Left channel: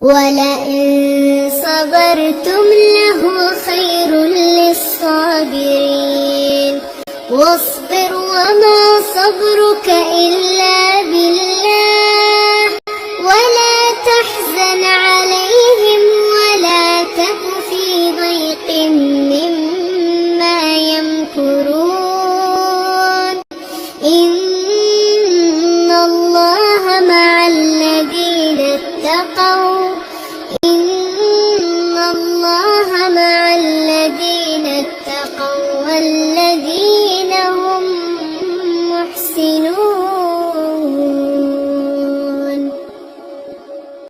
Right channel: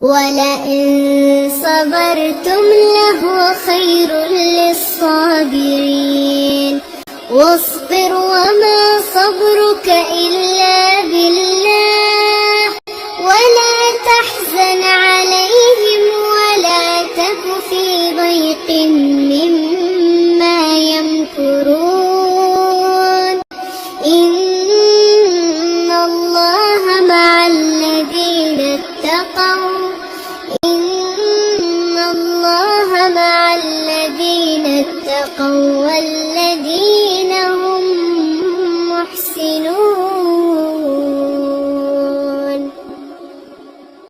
ولئن صبرتم لهو خير للصابرين واصبر وما صبرك إلا بالله ولا تحزن عليهم ولا تك في ضيق مما يمكرون إن الله مع الذين اتقوا والذين